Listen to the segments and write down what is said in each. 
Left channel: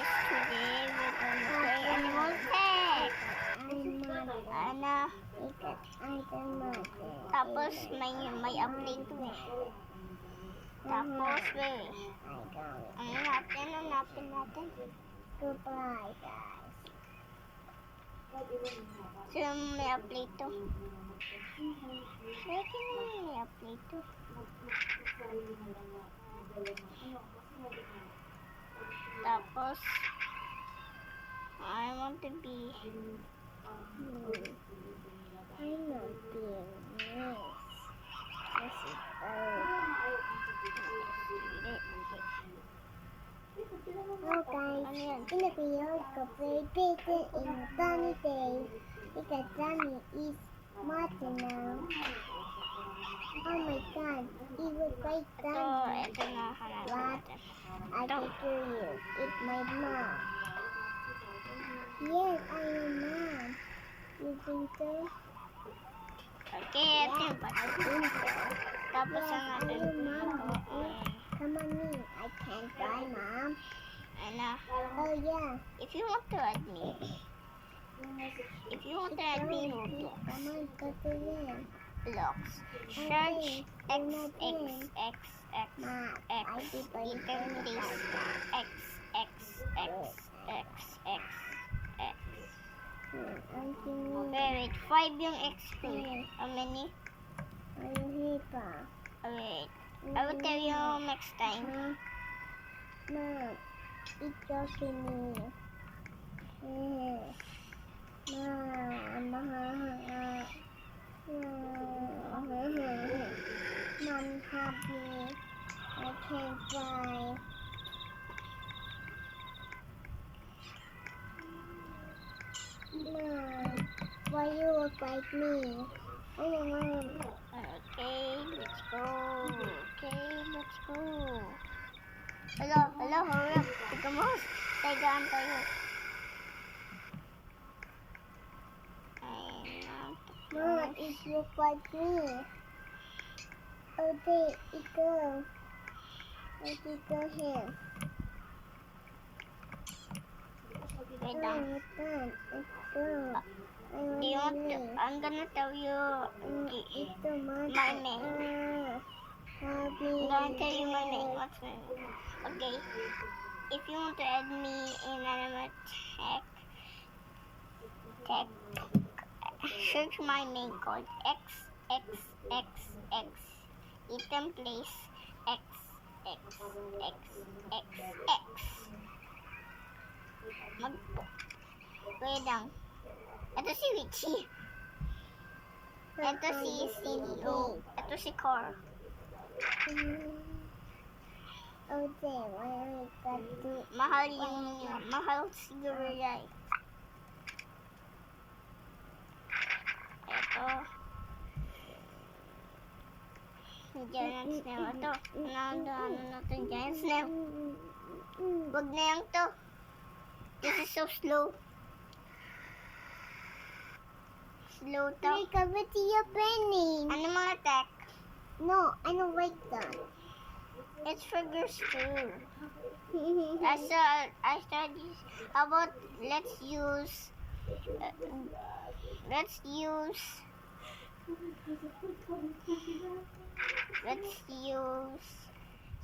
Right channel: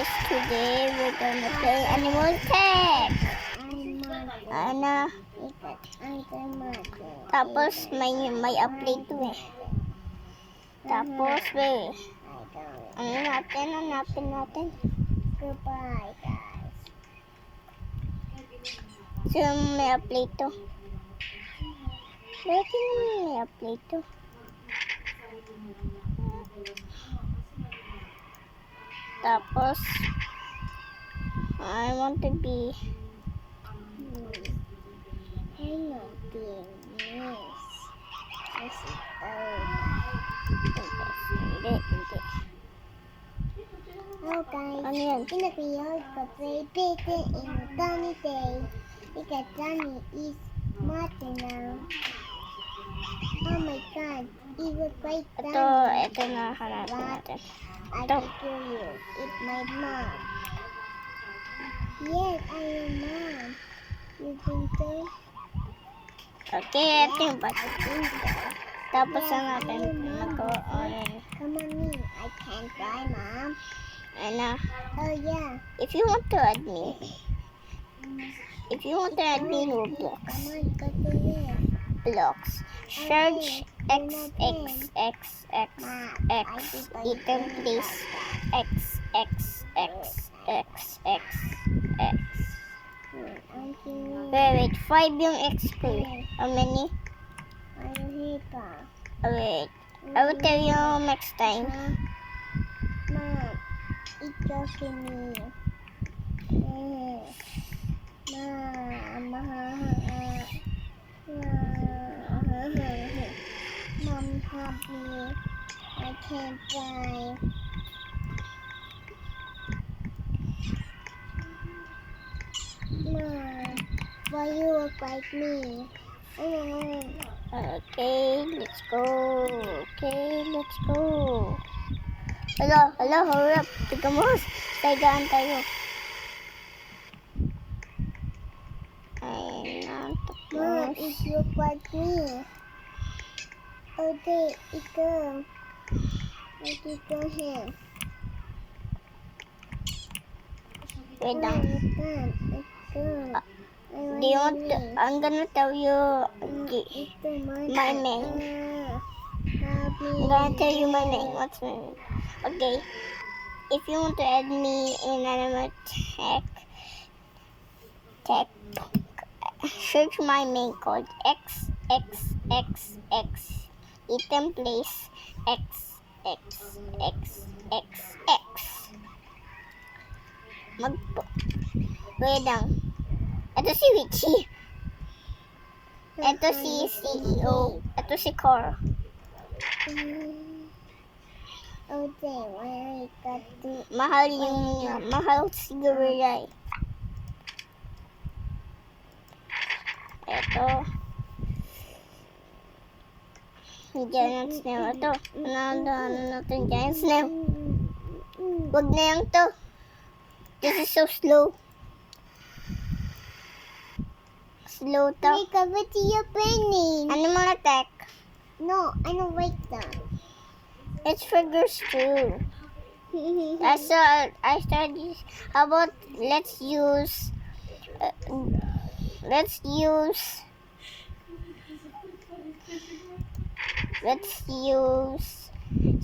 guys, today we're gonna play Animal Tech. Tapos may update to eh. Tapos hanapin natin. Goodbye, guys. So may update to. Bakit may update to? Tapos I want to be I'm not being nice. This is hindi. Oh, guys. Ano yan? In the video, go play Bacon in a sunny day. Because Johnny is smarter now. Oh my god, it was great Johnny. Ito na hanapin natin. I can kill you. It's my mom. Yes, I am mom. You think so? Okay, ito yung I think so. Tapos Yes, ang natin I am mom. magawa. Come on me. I can't try, mom. Oh yeah. If you want to add me Roblox, Come on, go to there. blocks, search XXXXX, item place, XXXXX. I'm kidding. Wait, 5 yung XP. How many? Are you here, pa? Wait, I will tell you next time. Mom, it's joking me. Mom, help me. I can't fly. Mom, why you look like me? Okay, let's go. Hello, hurry up. Tiga mo, taygaan tayo. Ayun na, Mom, it look like me. Okay, it go. Let it go here. wait lang. Let's go. Do you want to, I'm gonna tell you my name. Help me. I'm gonna tell you my name. What's my name? Okay. If you want to add me in Animal Tech, search my name called XXXX. Item place XXXXX. Wait lang. Ito si Richie. Ito si CEO. Ito si Cora. Okay, where I got to... Mahal siguro yan. Ito. Giant snail. Ito. Ano natin giant snail. Wag na yan to. This is so slow. Slow to. Wake up with your penny. Animal Attack. No, I don't wake them. It's for girls too. I started. How about let's use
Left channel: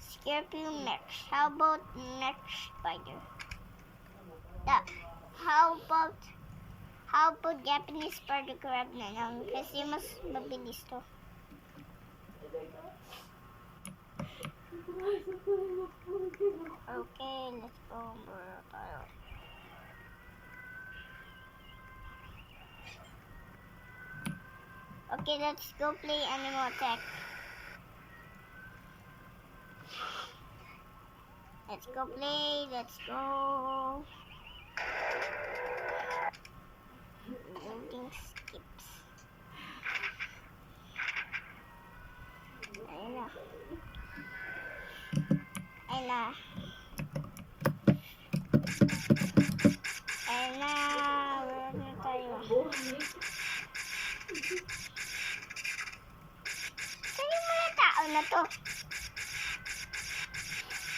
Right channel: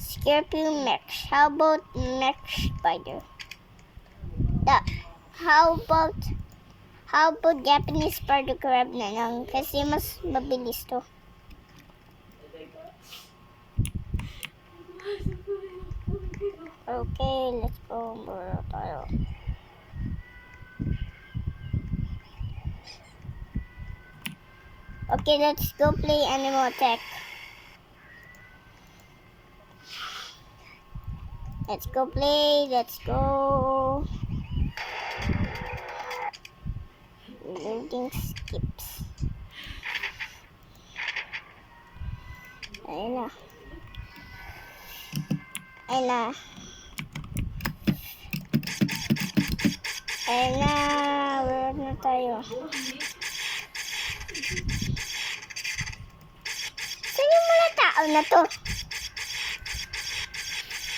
Scorpion Mech. How about Mech Spider? How about Japanese Spider Crab na lang kasi mas mabilis to. Okay, let's go more tayo. Okay, let's go play Animal Tech. Let's go play. Loading skips. Ayun na. Wala na tayo. Saan yung mga tao na to?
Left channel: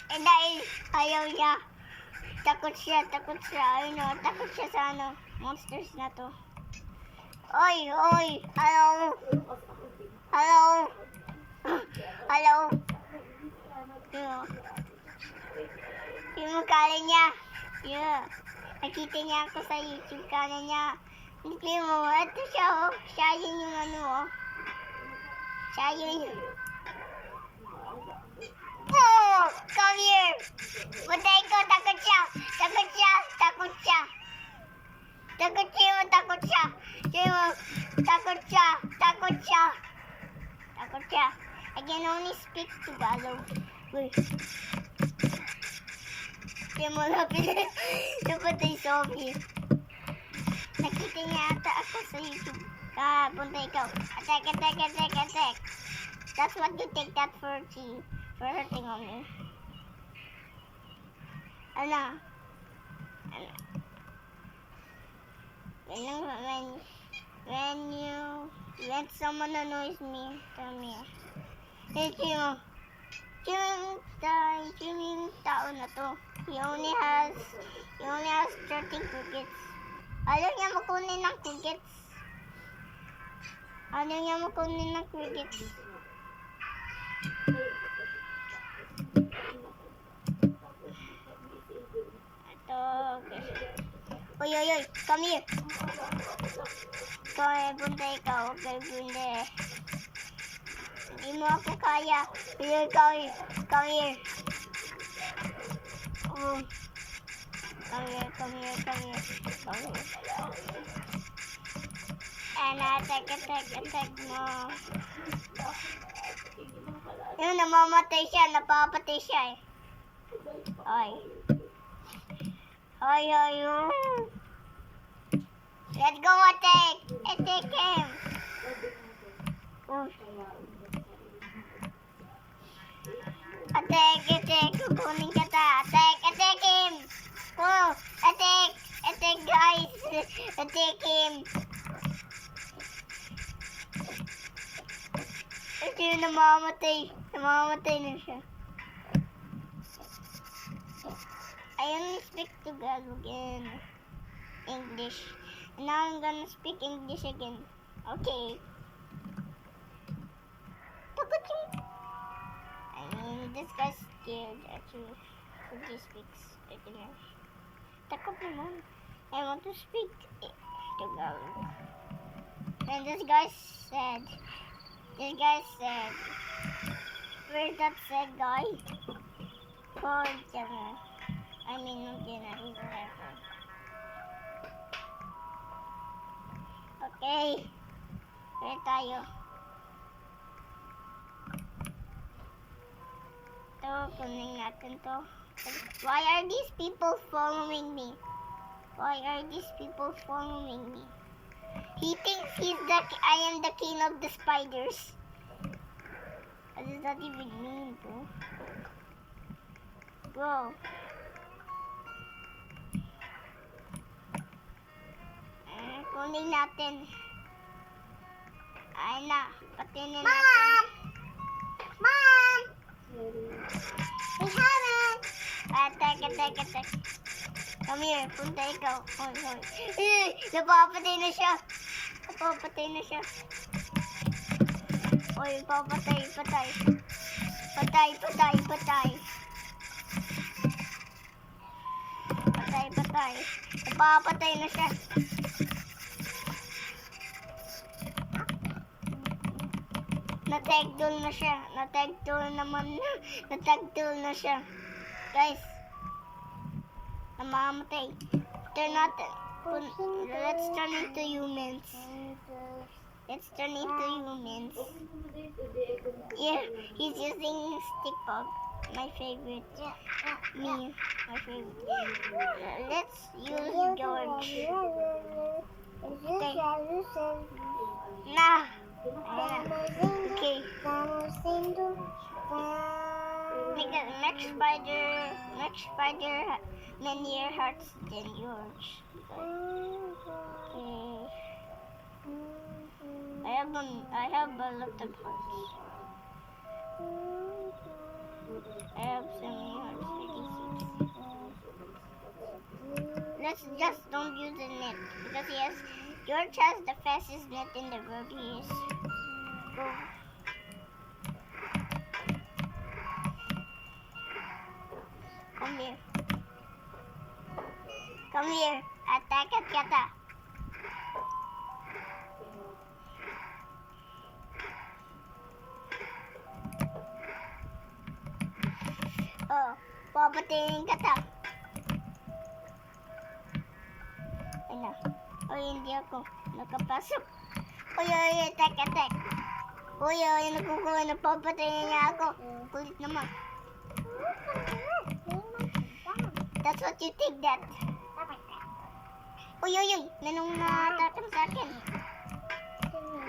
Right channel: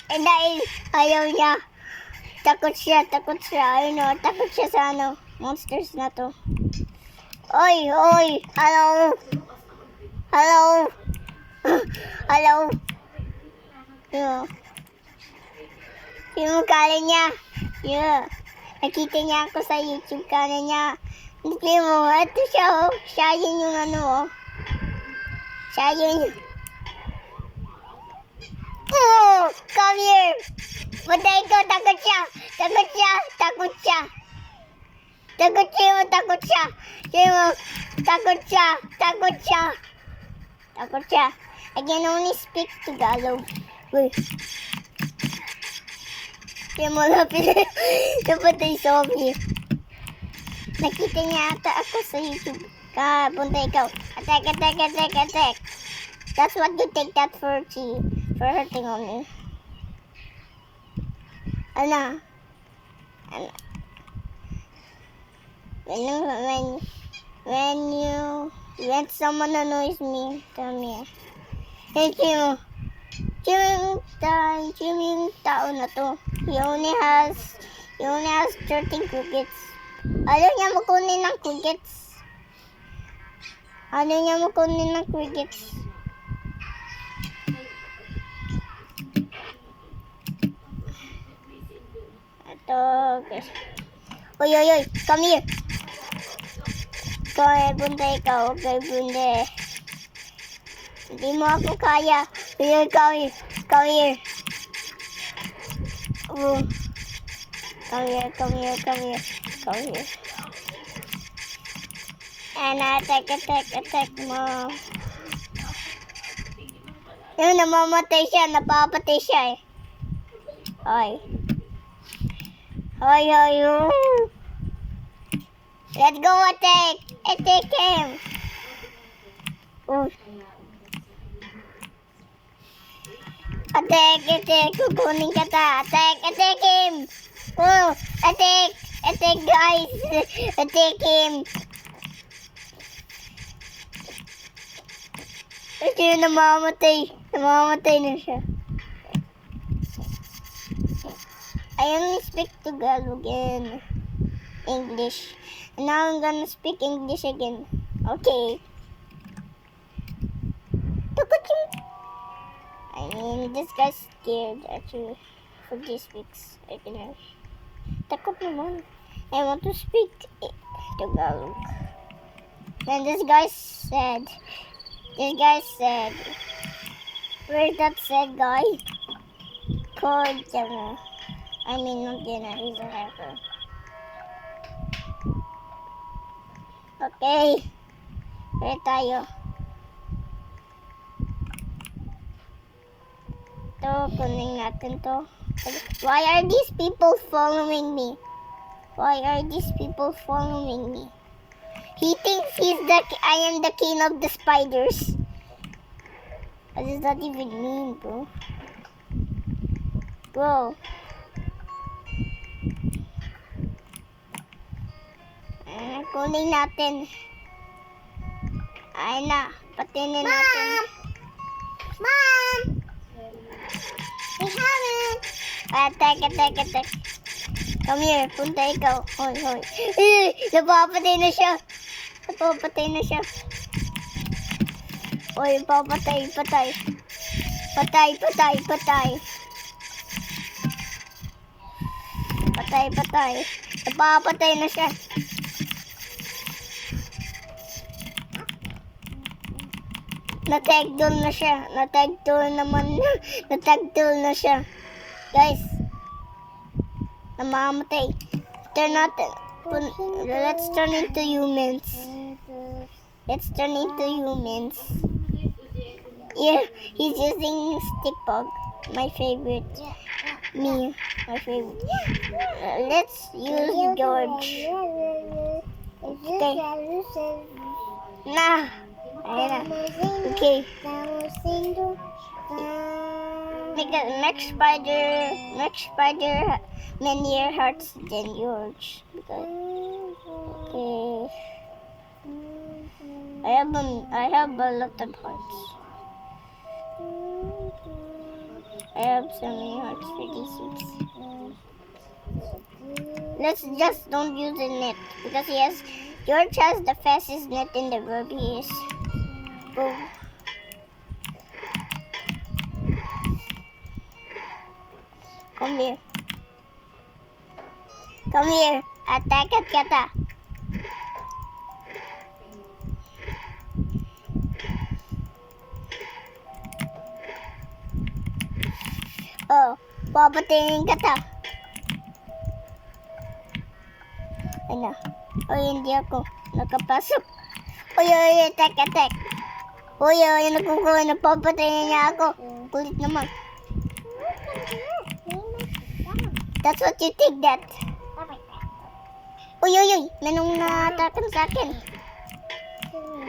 Dahil ayaw niya. Takot siya. Ayun o, takot siya sa ano, monsters na to. Oy, hello. Hello. Yeah. Yung kala niya. Yeah. Nakita niya ako sa YouTube kala niya. Hindi mo, ito siya oh. Siya yun yung ano oh. Siya yun. Oh, come here. Patay ko, takot siya. Takot siya. I can only speak Tagalog. Uy. Kaya mo napatay zombie. Nakita niya ata ako sa YouTube. Punta ikaw. Attack. That's what you take that for hurting on me. Ano? When someone annoys me, tell me. Thank you. Yung tao na to. He only has 13 crickets. Ayaw niya makunin ng crickets. Ito, guys. Oy, come here. Punta ikaw. Bunde. Hindi mo ako kaya. Come here. Come here. And attack mo. Yun, napapatay siya eh. Oy. Let's go attack him. Attack, kukunin ka ta. Attack him. Attack guys. Attack him. Ito yung namamatay na siya. I only speak Tagalog and English. And now I'm gonna speak English again. Okay. I mean, this guy's scared actually for these weeks. I can have. Takot naman. I want to speak Tagalog. And this guy said, where's that sad guy? Called Jenna. I mean, not Jenna, he's a hacker. Okay. Where tayo? Ito, kunin natin to. Why are these people following me? He thinks I am the king of the spiders. What does that even mean, bro? Kunin natin. Ay na, patinin natin. Mom! We haven't. Attack. Come here, punta ikaw. Hoy. Napapatay na siya. Hoy, patay. Napapatay na siya. Natagdol na siya. Guys, namamatay. Let's turn into humans. Yeah, he's using stick bug. My favorite. My favorite. Let's use George. Okay. Nah. Ayan na. Okay. Because next spider many hearts than yours. Okay. I have a lot of hearts. I have so many hearts for these ones. Let's just don't use the net because George has the fastest net in the world. He is. Go. Come here. Come here. Attack at Kata. Oh, papatayin Kata. Ano? Oy, hindi ako nakapasok. Oy, attack. Oy, nakukuha na papatayin niya ako. Kulit naman. That's what you think that. Uy, manong na-atakan sa akin.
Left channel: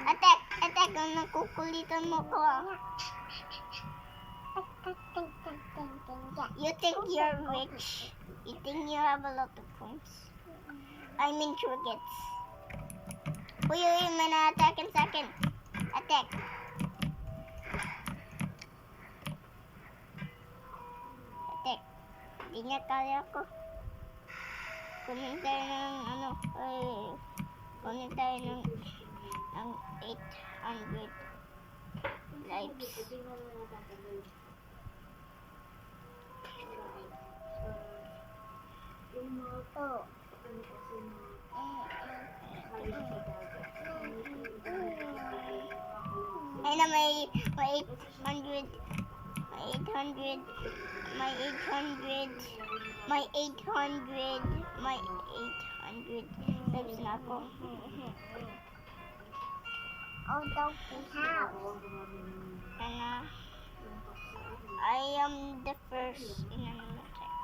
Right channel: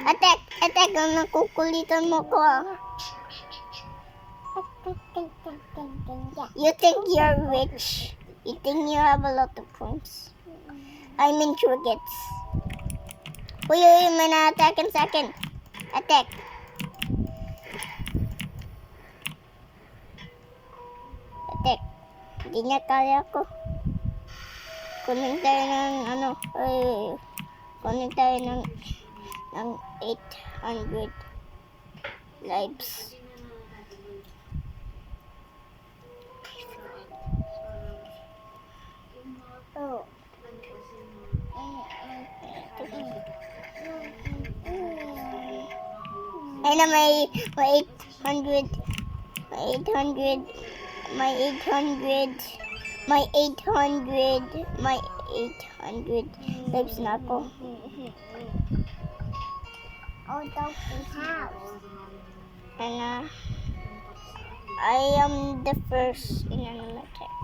Attack, ang nakukulitan mo ko. You think you're rich? You think you have a lot of phones? I mean trinkets. Uy, may na-atakan sa akin. Attack. Hindi niya kaya ko. Kunin tayo ng kunin tayo ng 800 lives. Oh. Ay na may 800 lives na ako. Oh, Donkey House. And I am the first in Animal Attack.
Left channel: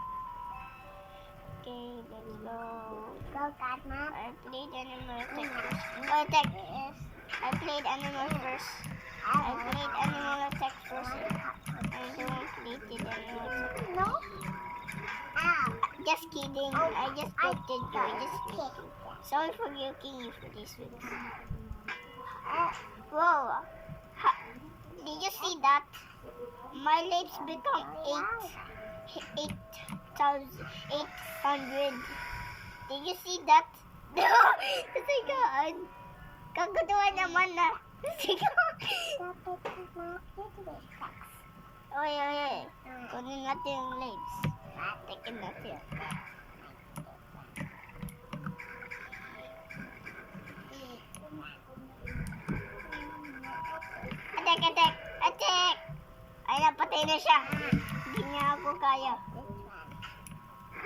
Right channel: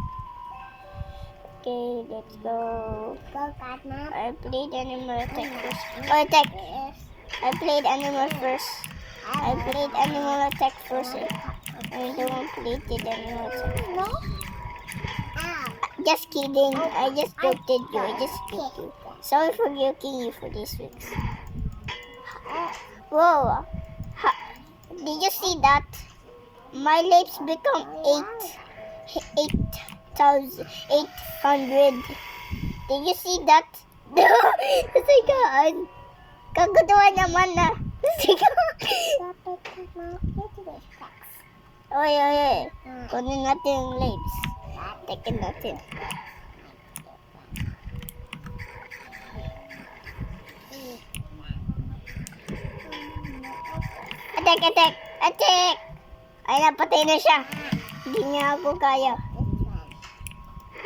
Okay, let's go. Go, Godmother. I played Animal Attack first. Oh, attack! I played Animal first. I played Animal Attack first. I don't play the Animal Attack. No? Ow. Just kidding. I just joked you. I just joked you. Sorry for joking you for this week. Whoa. Did you see that? My lips become 8,800. Did you see that? Sigaan. Kagutawa naman na. Sigaan. Oy. Kunin natin yung lips. Tekin natin. Attack! Ay, napatay na siya. Hindi niya ako kaya.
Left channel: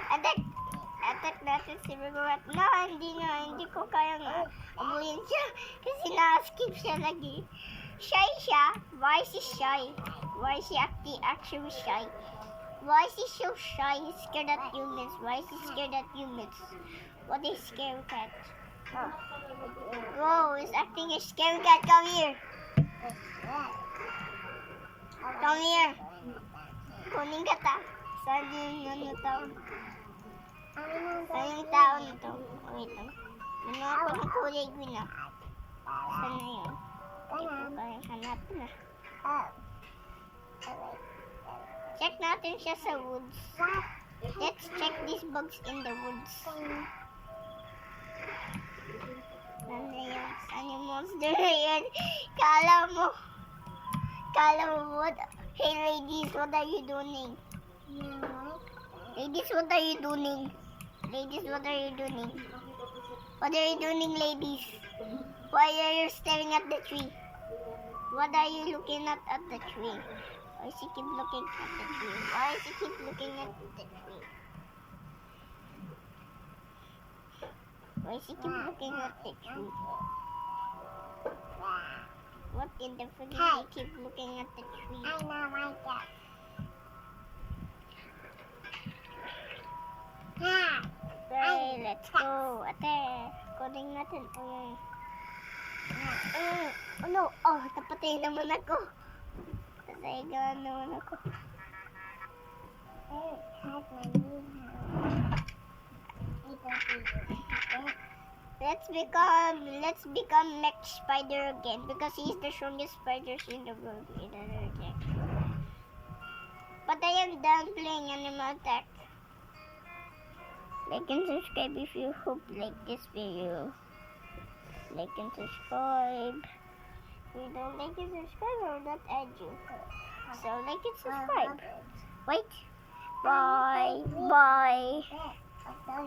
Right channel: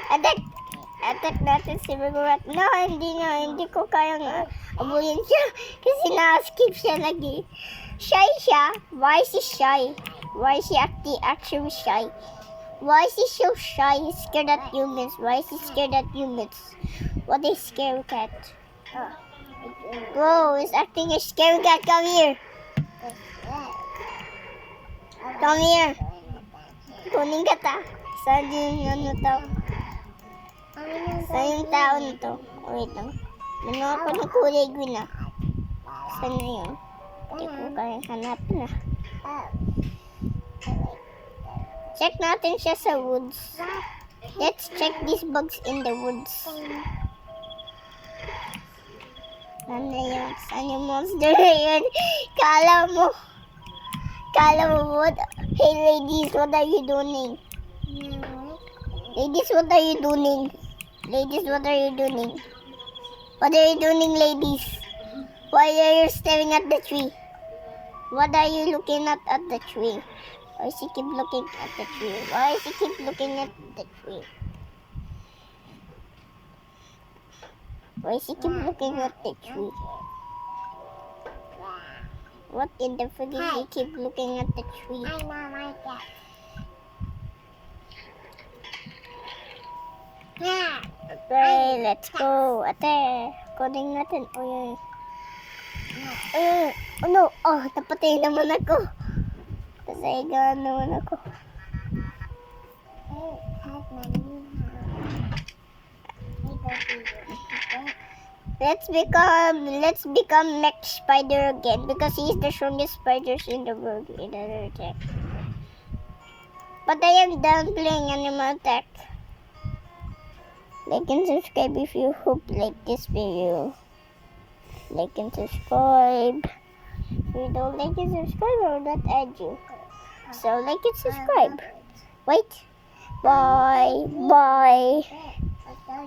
Attack natin si Regulat. No, hindi ko kaya nga abuyin siya. Kasi na-skip siya lagi. Shy siya. Why is he shy? Why is he actually shy? Why is he so shy? He's scared at humans. Why is he scared at humans? What is scary cat? Whoa, he's acting a scary cat. Come here. Come here. Kunin ka ta. Saan yung to? Saan yung tao na to? Wait lang. Ano ako ng kulay green na? Saan na yun? Hindi ko kaya hanapin na. Check natin siya sa woods. Let's check these bugs in the woods. Ano yun? Saan yung monster na yun? Kala mo what? Hey ladies, what are you doing? Ladies, what are you doing? What are you doing? What are you doing, ladies? Why are you staring at the tree? What are you looking at the tree? Why does he keep looking at the tree? Why does he keep looking at the tree? Why does he keep looking at the tree? What in the frig is he keep looking at the tree? I know my dad. Okay, let's go. Ate, kunin natin. Oh no. Oh, napatay naman ako. Nasaigahan naman ako. Let's become Mech Spider again because he's the strongest spiders in the world in Animal Attack. But I am done playing Animal Attack. Like and subscribe if you hope like this video. Like and subscribe. If you don't like and subscribe, I will not add you. So like and subscribe. Wait. Bye. Bye.